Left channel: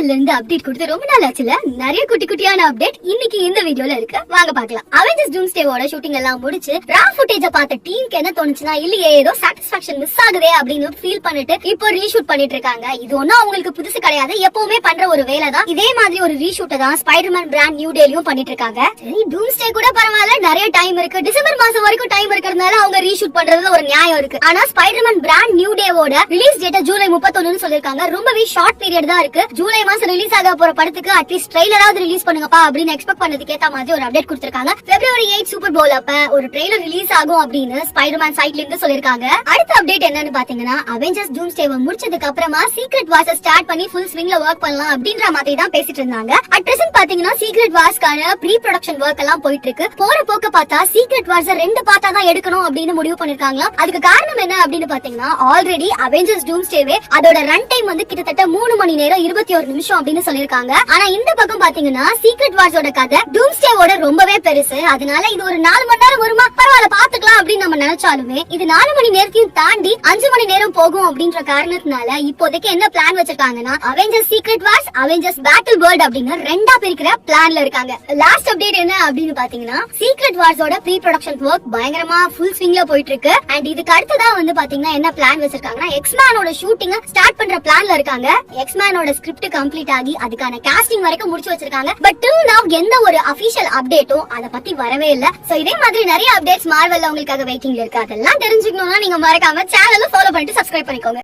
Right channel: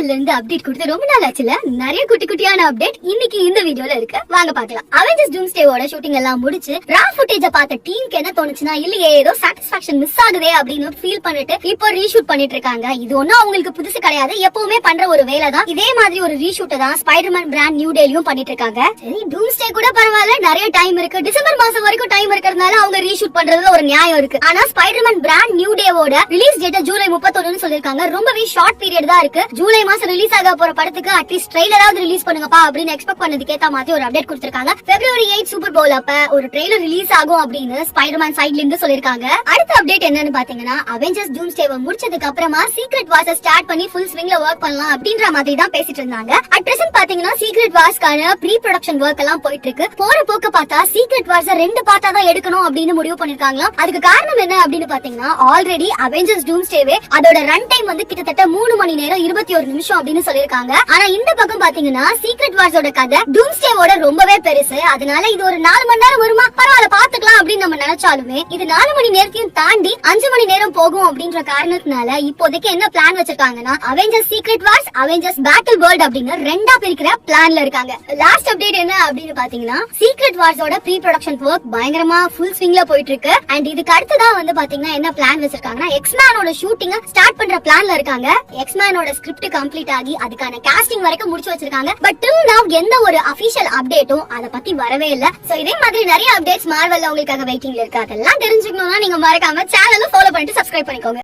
மார்வெல்ல இருந்து அப்டேட் கொடுத்து ரொம்ப நாள் ஆச்சுல. நிறைய குட்டி குட்டியான அப்டேட் இன்னைக்கு இந்த வீடியோல இருக்கு, வாங்க பார்க்கலாம். அவெஞ்சர்ஸ் டூம்ஸ்டேவோட ஷூட்டிங் எல்லாம் முடிச்சு ரா ஃபுட்டேஜ பார்த்த டீமுக்கு என்ன தோணுச்சுன்னா, இல்லையே ஏதோ சாட்டிஸ்பாக்சன் மிஸ் ஆகுதே அப்படின்னு ஃபீல் பண்ணிட்டு இப்போ ரீஷூட் பண்ணிட்டு இருக்காங்க. இது ஒன்னும் அவங்களுக்கு புதுசு கிடையாது, எப்பவுமே பண்ற ஒரு வேலை தான். இதே மாதிரி ஒரு ரீஷூட்டை தான் ஸ்பைடர்மேன் பிராண்ட் நியூ டேலயும் பண்ணிட்டு இருக்காங்க. சரி, டூம்ஸ்டே கூட பரவாயில்ல, நிறைய டைம் இருக்கு, டிசம்பர் மாசம் வரைக்கும் டைம் இருக்கிறதுனால அவங்க ரீஷூட் பண்றதுல ஒரு நியாயம் இருக்கு. ஆனா ஸ்பைடர்மேன் பிராண்ட் நியூ டேவோட ரிலீஸ் டேட் ஜூலை 31 சொல்லிருக்காங்க. ரொம்பவே ஷார்ட் பீரியட் தான் இருக்கு. ஜூலை மாசம் ரிலீஸ் ஆக போற படத்துக்கு அட்லீஸ்ட் ட்ரெய்லராவது ரிலீஸ் பண்ணுங்கப்பா அப்படின்னு எக்ஸ்பெக்ட் பண்ணதுக்கு ஏத்த மாதிரி ஒரு அப்டேட் கொடுத்திருக்காங்க. February 8 சூப்பர் பவுல் அப்ப ஒரு ட்ரெய்லர் ரிலீஸ் ஆகும் அப்படின்னு ஸ்பைடர்மேன் சைடுல இருந்து சொல்லிருக்காங்க. அடுத்த அப்டேட் என்னன்னு பாத்தீங்கன்னா, அவெஞ்சர்ஸ் டூம்ஸ்டேவை முடிச்சதுக்கு அப்புறமா சீக்ரெட் வார்ஸ் ஸ்டார்ட் பண்ணி ஃபுல் ஸ்விங்ல வொர்க் பண்ணலாம் அப்படின்ற மாதிரி தான் பேசிட்டு இருந்தாங்க. அட் பிரசன்ட் பாத்தீங்கன்னா சீக்ரெட் வார்ஸ்க்கான ப்ரீ ப்ரொடக்ஷன் வொர்க் எல்லாம் போயிட்டு இருக்கு. போற போக்க பார்த்தா சீக்ரெட் வார்ஸ் 2 பார்ட்டா தான் எடுக்கணும் அப்படின்னு முடிவு பண்ணிருக்காங்க. அதுக்கு காரணம் என்ன அப்படின்னு பாத்தீங்கன்னா, ஆல்ரெடி அவெஞ்சர்ஸ் டூம்ஸ்டேவே அதோட ரன் டைம் வந்து கிட்டத்தட்ட 3 மணி நேரம் 21 நிமிஷம் அப்படின்னு சொல்லிருக்காங்க. ஆனா இந்த பக்கம் பாத்தீங்கன்னா சீக்ரெட் வார்ஸோட கதை டூம்ஸ்டேவோட ரொம்பவே பெருசு. அதனால இது ஒரு 4 மணி நேரம் வருமா, பரவாயில்ல பாத்துக்கலாம் அப்படின்னு நம்ம நினைச்சாலுமே இது 4 மணி நேரத்தையும் தாண்டி 5 மணி நேரம் போகும் அப்படின்ற காரணத்தினால இப்போதைக்கு என்ன பிளான் வச்சிருக்காங்கன்னா, Avengers Secret Wars, Avengers Battle World அப்படின்னு 2ஆ பிரிக்கிற பிளான்ல இருக்காங்க. லாஸ்ட் அப்டேட் என்ன அப்படின்னு பாத்தீங்கன்னா, சீக்ரெட் வார்ஸோட ப்ரீ ப்ரொடக்ஷன் வொர்க் பயங்கரமா ஃபுல் ஸ்விங்ல போயிட்டு இருக்கு. அண்ட் இதுக்கு அடுத்ததா வந்து பாத்தீங்கன்னா என்ன பிளான் வச்சிருக்காங்கன்னா, எக்ஸ்மேனோட ஷூட்டிங் ஸ்டார்ட் பண்ற பிளான்ல இருக்காங்க. எக்ஸ்மேனோட ஸ்கிரிப்ட் கம்ப்ளீட் ஆகி அதுக்கான காஸ்டிங் வரைக்கும் முடிச்சு வச்சிருக்காங்க. பட் டில் நவ எந்த ஒரு அபிஷியல் அப்டேட்டும் அத பத்தி வரவே இல்ல. சோ இதே மாதிரி நிறைய அப்டேட்ஸ் மார்வெல்ல உங்களுக்காக வெயிட்டிங்ல இருக்கு. அதெல்லாம் தெரிஞ்சுக்கணும்னா நீங்க மறக்காம சேனலை ஃபாலோ பண்ணிட்டு சப்ஸ்கிரைப் பண்ணிக்கோங்க.